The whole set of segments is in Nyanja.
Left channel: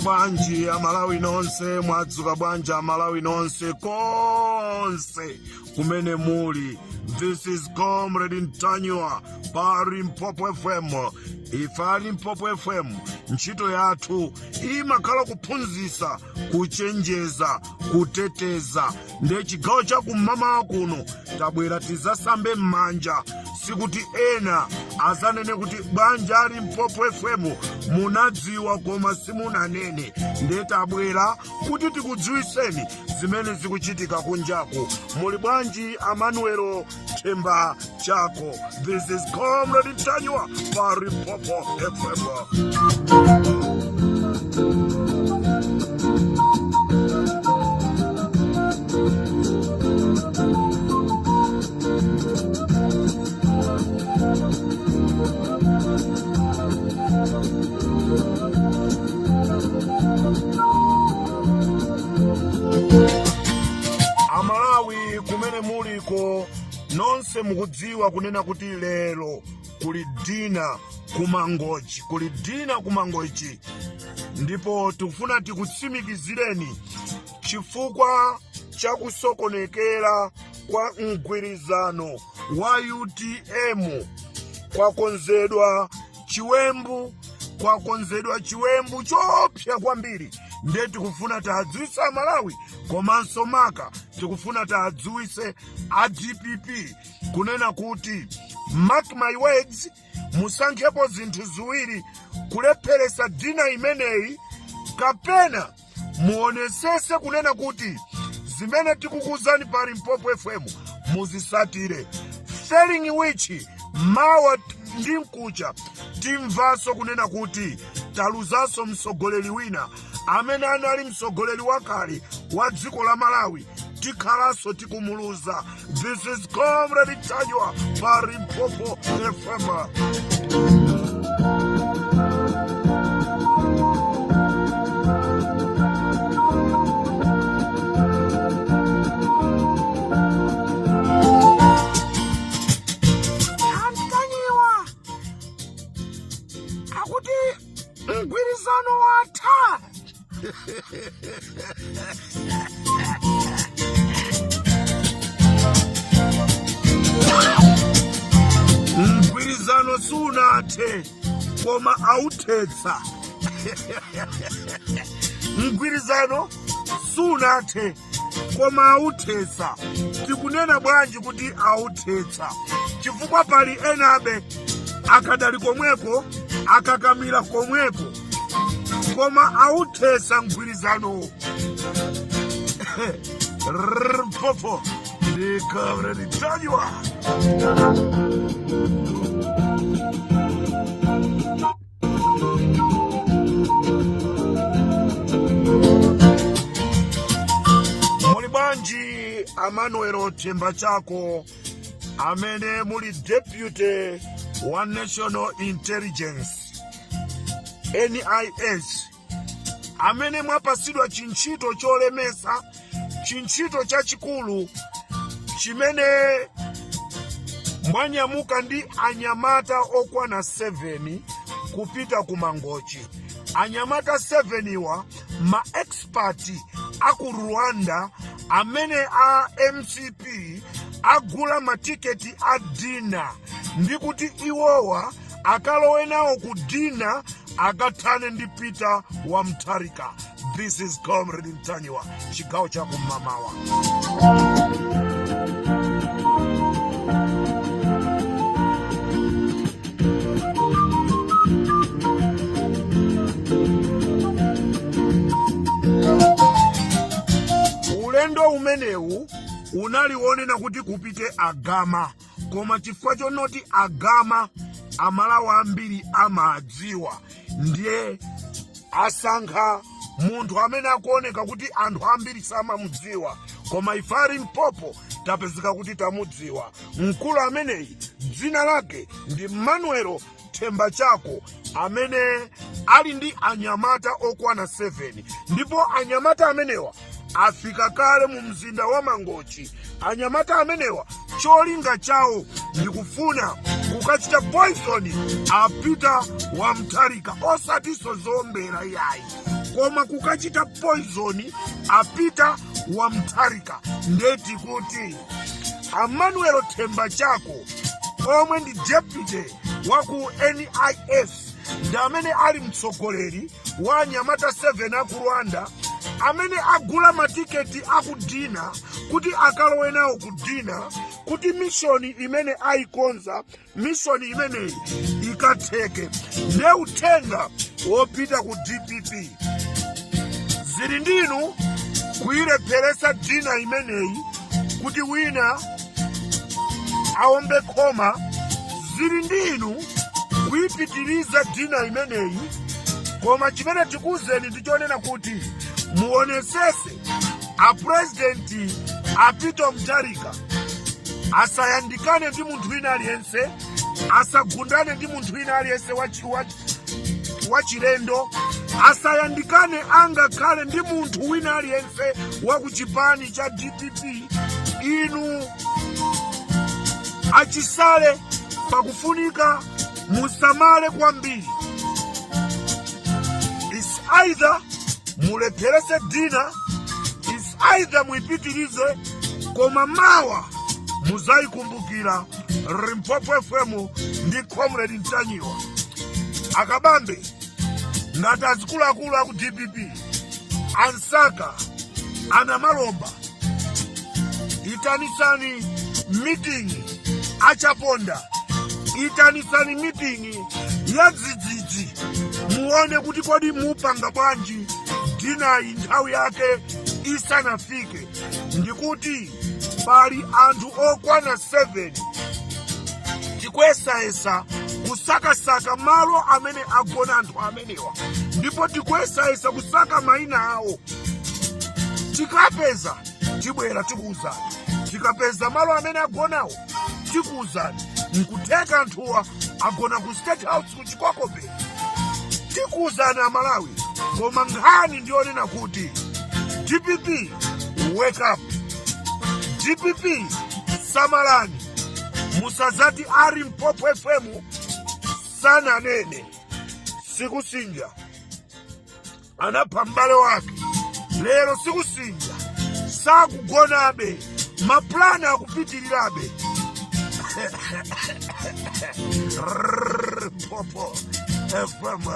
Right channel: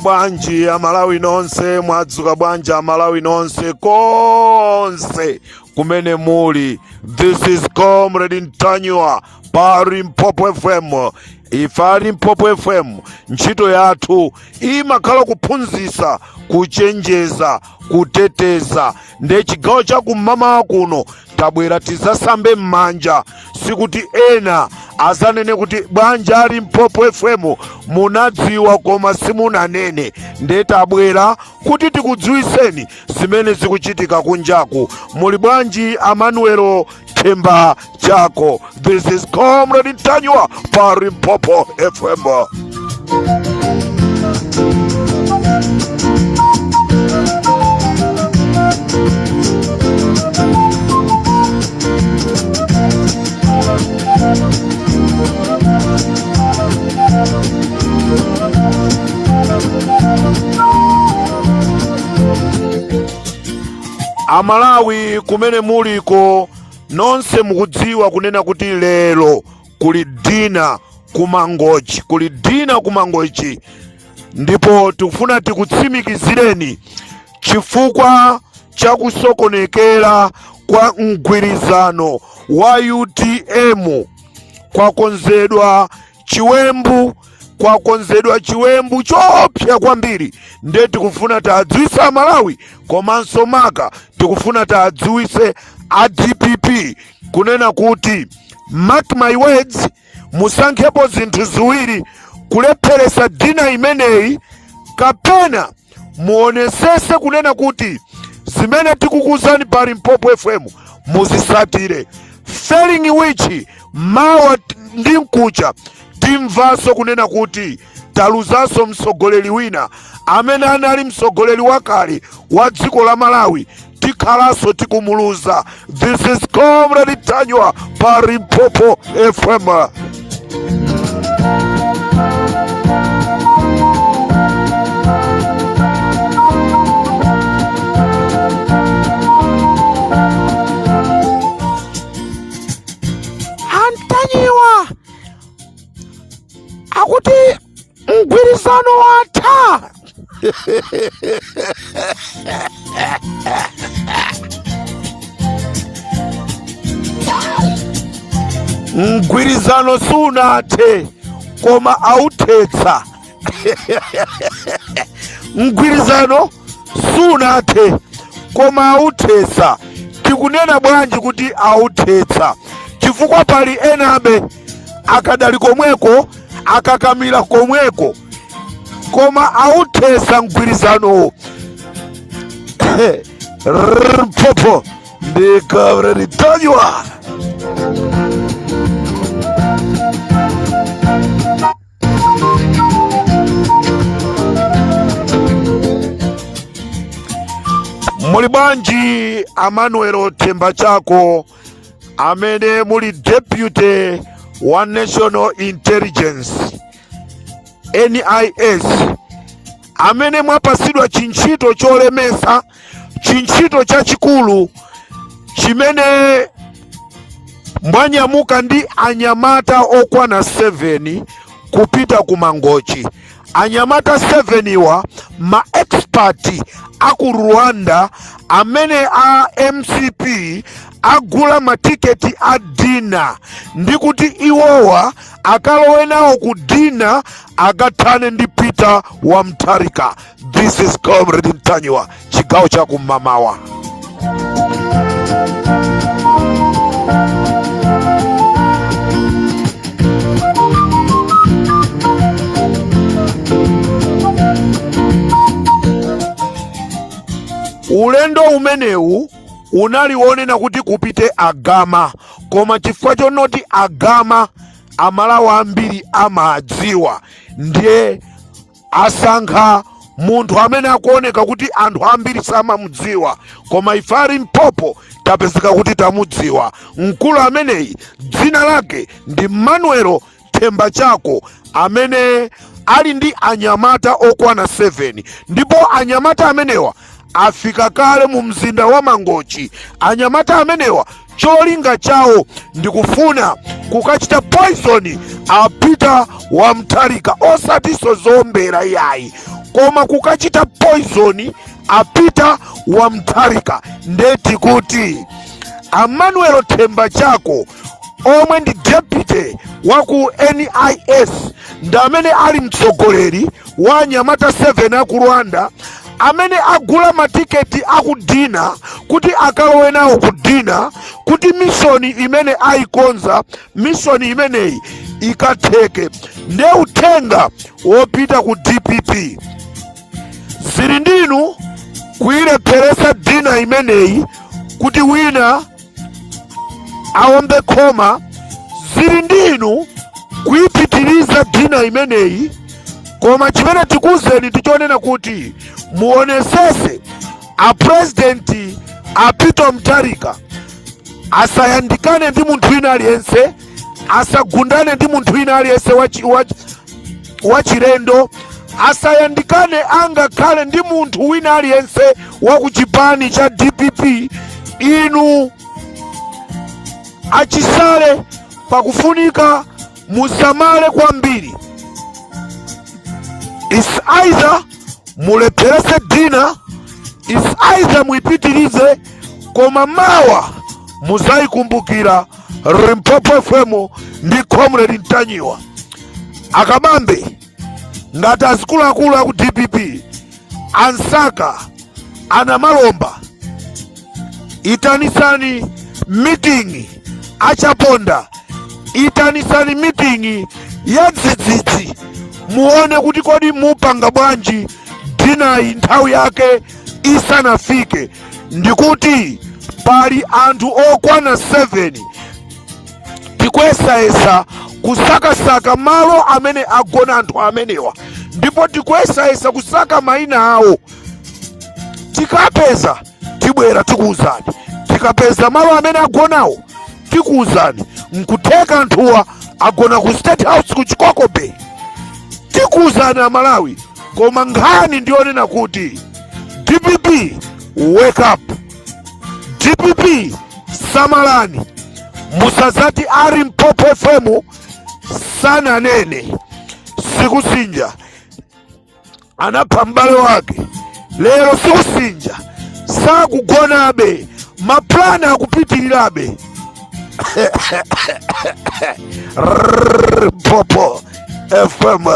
Mwadzuka bwanji amalawi nonse, mwadzuka bwanji amalawi nonse konse kumene muli. This is Comrade Ntanywa pa Limpopo FM. Ifa Limpopo FM ntchito yathu imakhala kuphunzitsa, kuchenjeza, kuteteza. Nde chigawo cha kum'mawa kuno tabwera tizasambe m'manja, sikuti ena azanene kuti bwanja Limpopo FM munadziwa koma simunanene. Nde tabwera kuti tikudziwiseni zimene zikuchitika kunjaku. Muli bwanji Amanuelo Themba Chako. This is Comrade Ntanywa pa Limpopo FM. Amalawi kumene muliko nonse mukudziwa kunena kuti lero kuli dina kumangochi, kuli dina kumangochi. Ndipo tikufuna tikutsimikizireni chifukwa cha kusokonekera kwa mgwirizano wa UTM kwakonzedwa chiwembu chopsa kwambiri. Nde tikufuna tadziwise Amalawi komanso maka tikufuna tadziwise a DPP kunena kuti mark my words, musankhepo zinthu ziwiri: kulepheresa dina imeneyi kapena muonesese kunena kuti zimene tikukuzani pa Limpopo FM muzisatire. Failing which mawa ndi mkucha timvaso kunena kuti taluzanso mtsogoleri wina amene anali mtsogoleri wakale wa dziko la Malawi, tikhalaso tikumuluza. This is Comrade Ntanywa pa Limpopo FM. Ntanywa akuti mgwirizano watha. Mgwirizano sunathe koma authetsa. Mgwirizano sunathe koma authetsa. Tikunena bwanji kuti authetsa? Chifukwa pali enabe akadali komweko, akakamira komweko, koma authetsa mgwirizano. Limpopo ndi Comrade Ntanywa. Muli bwanji Amanuelo Themba Chako amene muli Deputy wa National Intelligence NIS, amene mwapasidwa chinchito cholemesa, chinchito chachikulu chimene mwanyamuka ndi anyamata okwana 7 kupita kumangochi. Anyamata 7 wa ma expert aku Rwanda amene a MCP agula matiketi a dina ndikuti iwowa akalowe nawo ku dina agathane ndi Peter wa Mutharika. This is Comrade Ntanywa, chigawo cha kum'mawa. Ulendo umenewu unaliwonena kuti kupite Agama, koma chifukwa chonoti Agama Amalawi ambiri amadziwa, ndiye asankha munthu amene akuoneka kuti anthu ambiri samamudziwa, koma ife Limpopo tapezeka kuti tamudziwa. Mkulu ameneyi dzina lake ndi Manuelo Themba Chako, amene ali ndi anyamata okwana 7, ndipo anyamata amenewa afika kale mu mzinda wa Mangochi. Anyamata amenewa cholinga chawo ndikufuna kukachita poison a Peter wa Mutharika, osatiso zombera yayi, koma kukachita poison apita wa Mutharika. Ndeti kuti Emmanuel Themba Chako omwe ndi deputy waku NIS ndamene ali mtsogoleri wa Nyamata 7 aku Rwanda, amene agula matiketi akudina kuti akalowe nawo kudina kuti mishoni imene aikonza, mishoni imeneyi ikatheke. Nde uthenga wopita ku DPP zili ndinu kuyilepheresa dina imeneyi kuti wina awombe khoma, zili ndinu kuyipitiriza dina imeneyi. Koma chimene tikuzeni tichonena kuti muonesese a president apita Mutharika asayandikane ndi munthu wina aliyense, asagundane ndi munthu wina aliyense wachilendo, asayandikane angakhale ndi munthu wina aliyense wa kuchipani cha DPP. Inu achisale pakufunika musamale kwambiri. Is either mulepherese dina, is either muipitirize, koma mawa muzayikumbukira Limpopo FM ndi Comrade Ntanyiwa. Akabambe ngati azikuluakulu aku DPP, ansaka, ana malomba, itanisani meeting achaponda, itanisani meeting ya dzidzidzi, muone kuti kodi mupanga bwanji dinayi nthawi yake isanafike. Ndikuti pali anthu okwana 7 tikuyesayesa kusakasaka malo amene agona anthu amenewa, ndipo tikuyesayesa kusaka mayina awo. Tikapeza tibwera tikuwuzani, tikapeza malo amene agonawo tikuwuzani. Nkutheka anthuwa agona ku State House ku Chikoko Bay, tikuwuzani Amalawi. Koma nkhani ndionena kuti DPP wake up, DPP samalani, musazati ari Limpopo FM sana nene sikusinja anapha mbale wake. Lero sikusinja sakugonabe, maplana akupitirirabe. Limpopo FM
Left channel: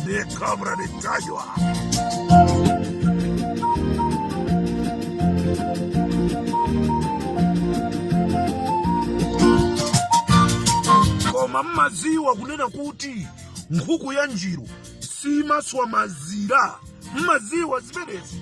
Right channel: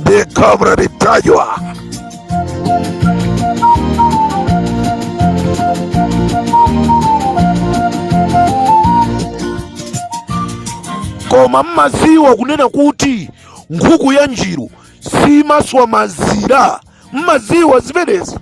ndi Comrade Ntanyiwa. Koma mmaziwa kunena kuti nkhuku ya njiru simaswa mazira, mmaziwa zimenezi.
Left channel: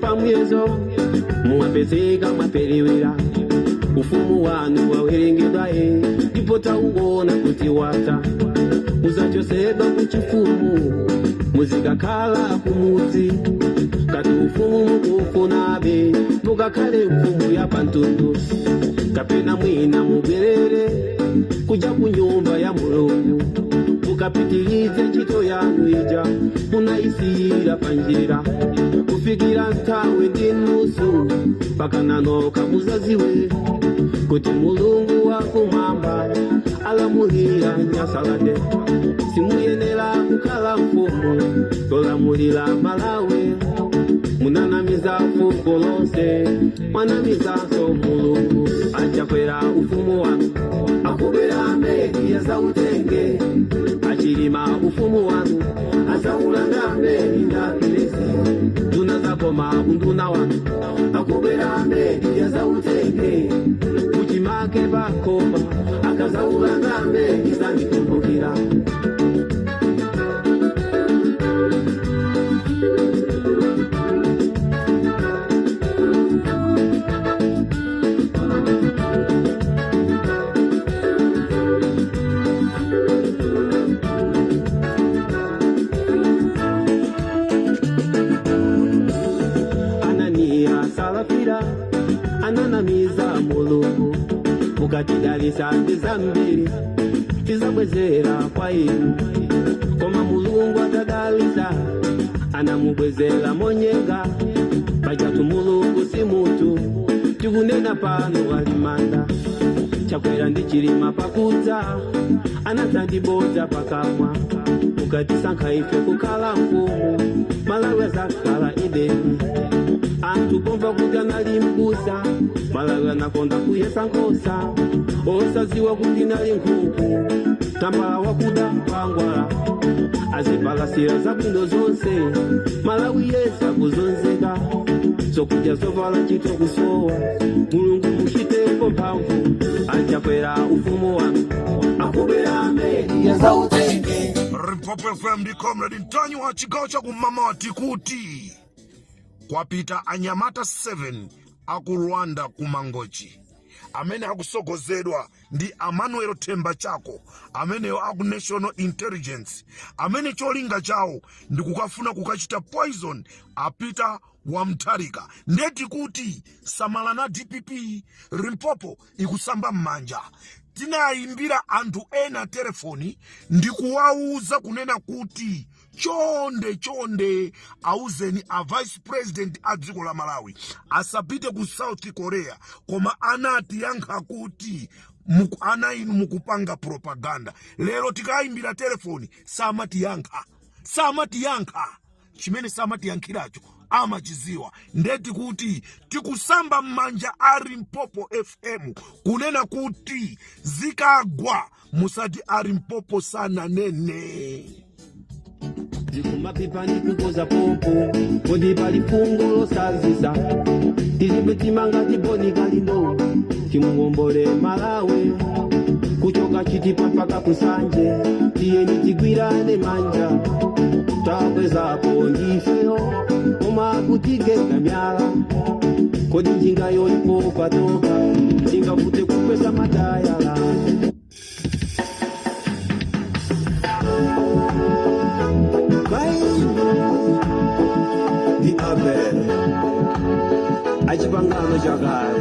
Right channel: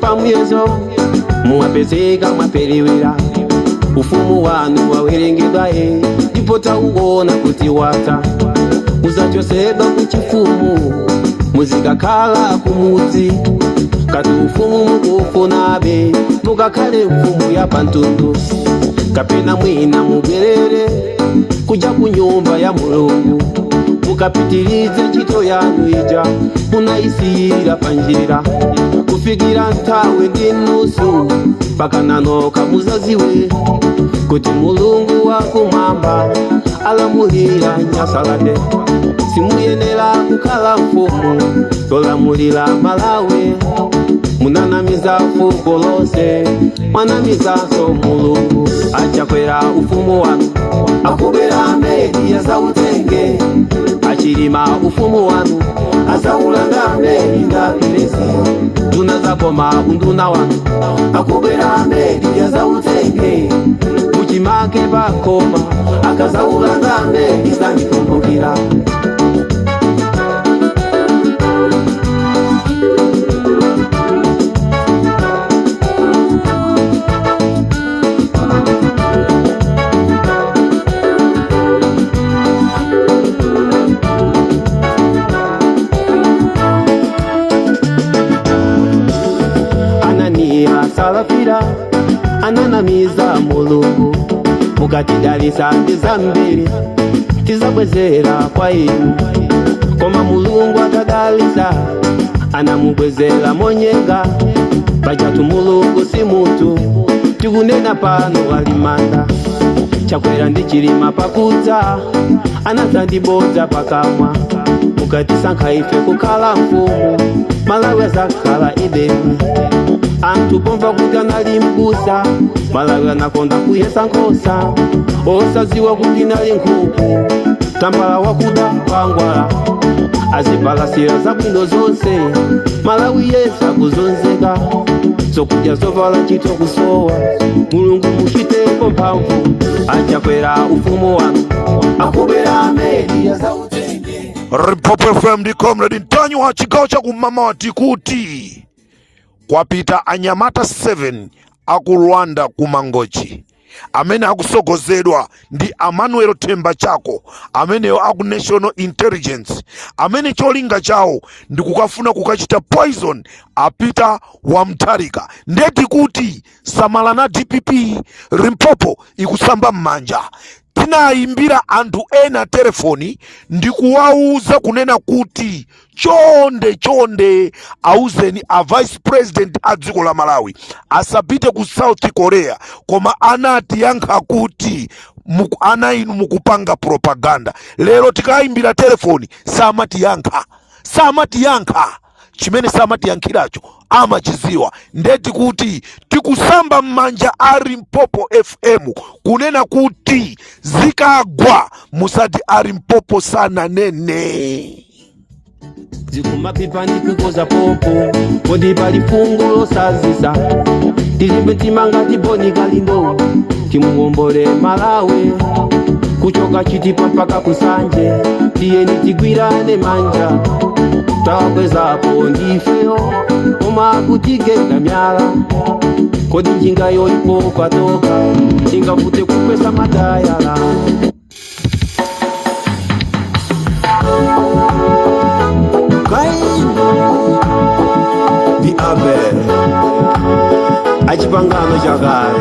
Pamwezo muwapezeka mwapelewera, ufumu wanu wawerengedwaye, ndipo tauona kuti wata uzachosedwa kuchifumu, muzikakhala kumudzi kati ufumu mukufunabe, mukakhale mfumu ya pantundu, kapena mwina mubwerere kuja ku nyumba ya Mulungu, mukapitirize ntchito yanu ija munayisiyira panjira, kufikira nthawi ndi nusu pakananoka muzaziwe kuti Mulungu wakumwamba alamulira Nyasalade. Simuyenera kukhala mfumu yolamulira Malawi, munanamiza fuko lonse, mwanamizanso Mulungu. Achakwera ufumu wanu, akubera meli yazautenge, achilima ufumu wanu, azaulanda meli ndapilesi. Nduna zakoma unduna wanu, akubera meli yazautenge, kuchimake pakoma, akazaulanda meli zanikumbukira. salafira ananamiza mulungu mukatidalisa ndizambiri tizabwezera kwa inu koma mulungu atadalisa anamubwezera monyenga pachatu mulungu si mutu tikunena pano walimanda chakwera ndi chilima pakudza anadzandibodza pakamwa mukatisankha ife kukhala mfumu Malawi azakhala Edeni anthu pomva kuti anali m'busa Malawi anakonda kuyesa nkhosa osaziwa kuti nali nkhuku tambala wakuda kwangwala azipalasira zabwino zonse Malawi yesa kuzonzeka zokudya zovala ntchito kusowa mulungu muchiteko mphamvu achakwera ufumu wanu akubera ameni ya zautenge Limpopo FM ndi Comrade Ntanywa chigawo cha kumama wati kuti kwapita anyamata 7 aku Rwanda kumangochi amene akusogozedwa ndi Emmanuel Themba Chako amene aku National Intelligence amene cholinga chawo ndi kukafuna kukachita poison apita wa Mutharika ndeti kuti samala na DPP Limpopo ikusamba mmanja tinayimbira anthu ena telefoni ndi kuwauza kunena kuti chonde auzeni a vice president a dziko la Malawi asapite ku South Korea koma anati yankha kuti ana inu mukupanga propaganda lero tikayimbira telefoni samati yankha chimene samati yankhiracho amachiziwa ndeti kuti tikusamba mmanja a Limpopo FM kunena kuti zikagwa musati a Limpopo sana nene zikumapipa ndikukoza popo kodi pali fungo losazisa tilimbe timanga tiboni kalindo timuwombole Malawi kuchoka chitipa mpaka kusanje tiyeni tigwirane manja tawakwezapo ndifeyo koma kutigenda myala kodi njinga yoipo patoka ingafute kukwesa madayala di abe achipangano chakale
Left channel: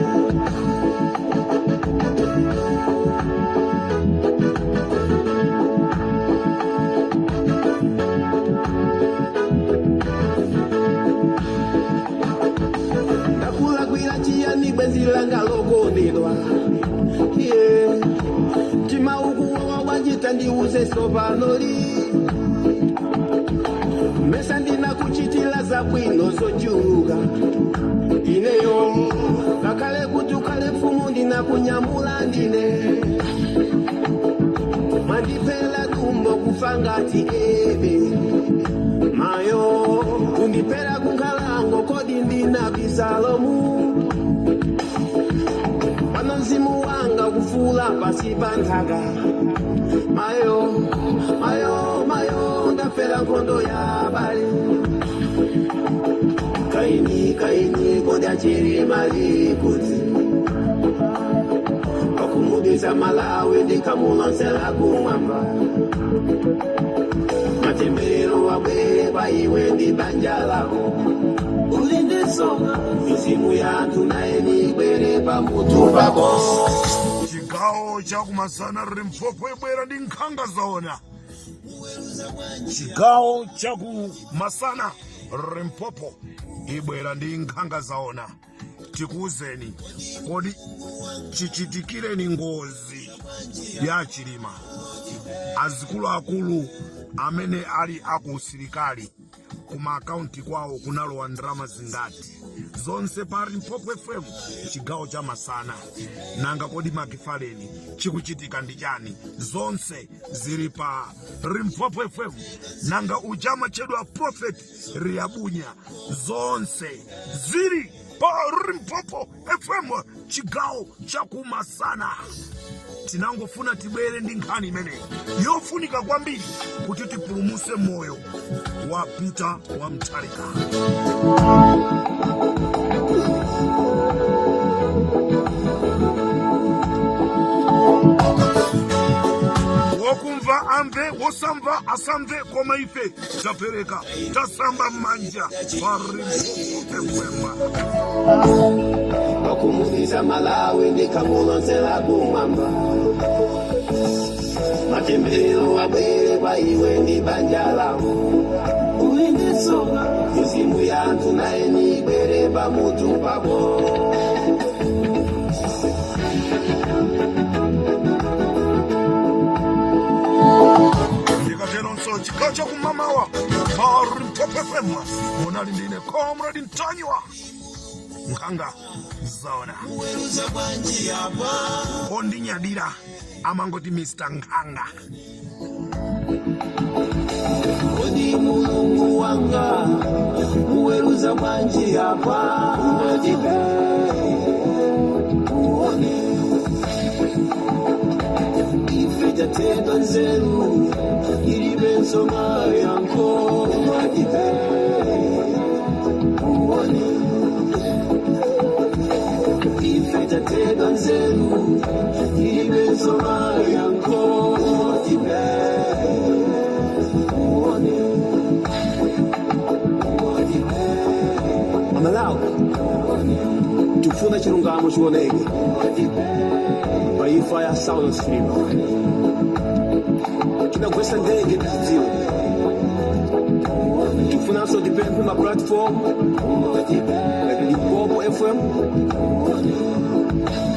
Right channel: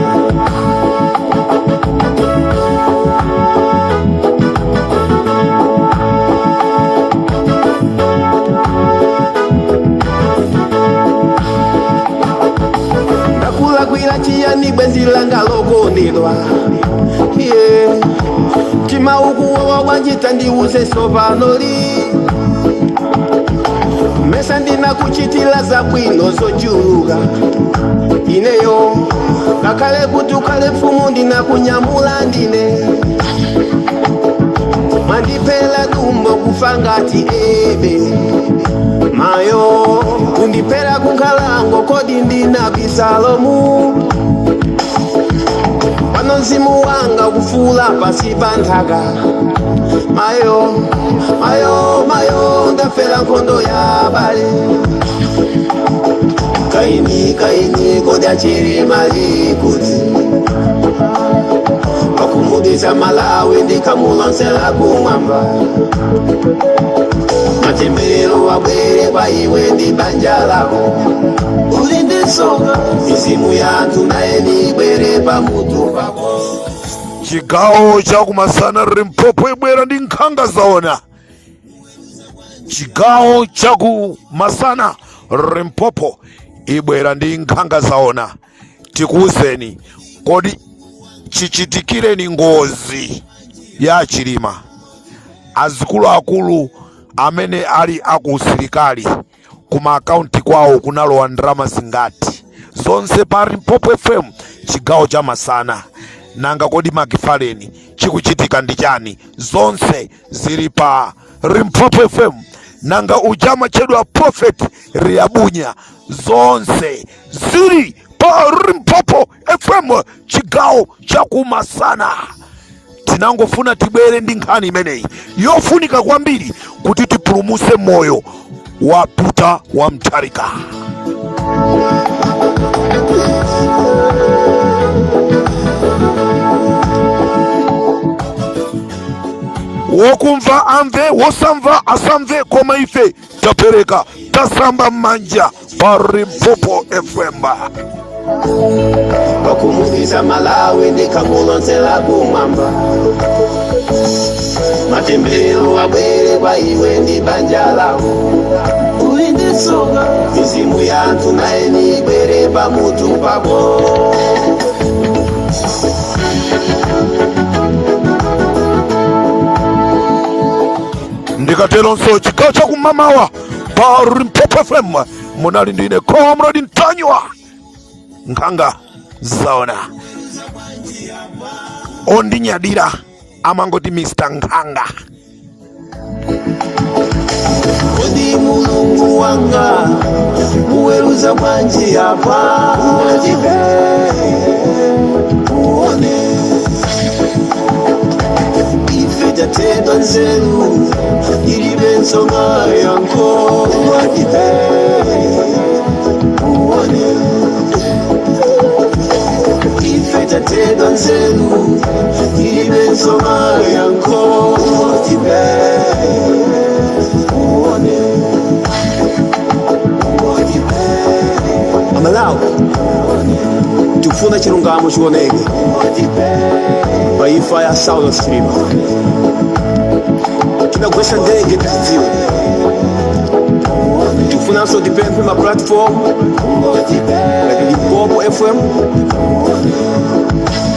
kwila chiyani bwenzi langa lokonedwa tima ukuwawa wanjita ndiuze sovanoli mesa ndina kuchitila za bwino zojuga ineyo kakale kutukale mfumu ndina kunyamula ndine mandipela dumbo kufangati ebe mayo undipela kunkalango kodi ndina bisalomu panozimu wanga kufula pasi panthaka mayo ndafela nkhondo ya bale kaini kodi achiri mali kuti pakumudisa Malawi ndikamulansela kumwamba matembelero wabwere kwa iwe ndi banja lako ulinde soka mizimu yathu naye nibwere pamutu pako chigawo cha kumasana Limpopo ibwera ndi nkhanga zaona chigawo cha kumasana Limpopo ibwera ndi nkhanga zaona tikuuzeni kodi chichitikireni ngozi ya chilima azikuluakulu amene ali akusilikali kuma akaunti kwawo kunalowa ndalama zingati zonse pa Limpopo FM chigawo cha masana nanga kodi makifaleni chikuchitika ndi chani zonse zili pa Limpopo FM nanga ujama chedwa Prophet Riabunya zonse zili pa Limpopo FM chigawo cha kumasana tinangofuna tibwere ndi nkhani imeneyi yofunika kwambiri kuti tipulumuse moyo wa Peter wa Mutharika wokumva amve wosamva asamve koma ife tapereka tasamba manja pa Limpopo FM wakumudisa Malawi ndikamulonsela kumwamba matembero abwere kwa iwe ndi banja lako ulindisunga mizimu yanthu naye nibwere pamutu pako ndikatero nso chigawo chakumamawa pa Limpopo FM munali ndine Comrade Ntanywa nkhanga zaona ondinyadira amangoti Mr. Nkhanga Odi mulungu wanga uweruza bwanji apa uwajibe uone ife jatendo nzeru ilibe nsonga yanko uwajibe uone ife jatendo nzeru ilibe nsonga yanko uwajibe Malawi tufuna chilungamo chioneke pa imfa ya Saulos Chilima tinagwesa ndege tiziwe tufunanso tipemphe ma platform like Limpopo FM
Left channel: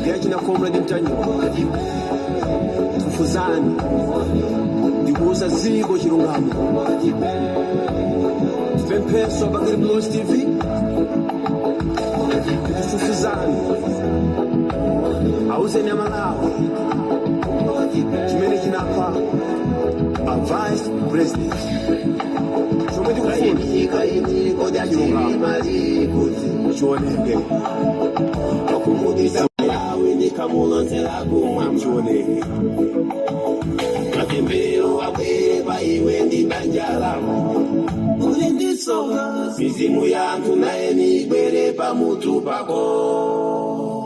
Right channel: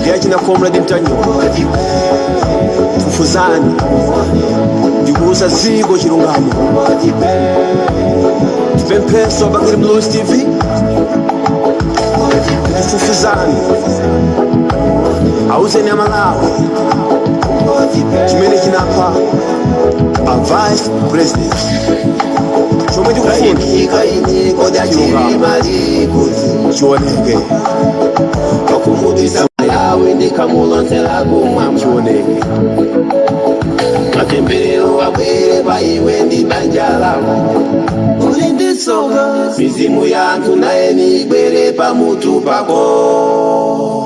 yachina Comrade Ntanywa tufuzani ndikuuza ziko chilungamo tipempheso bakiri Blues TV tufuzani auzeni ya Malawi chimene chinapa a vice president chomwe tikufuna chioneke wakumudisa Malawi ndikamulonsela kumwamba chioneke matembero abwere pa iwe ndi banja lako ulindisunga mizimu yanthu naye nibwere pamutu pako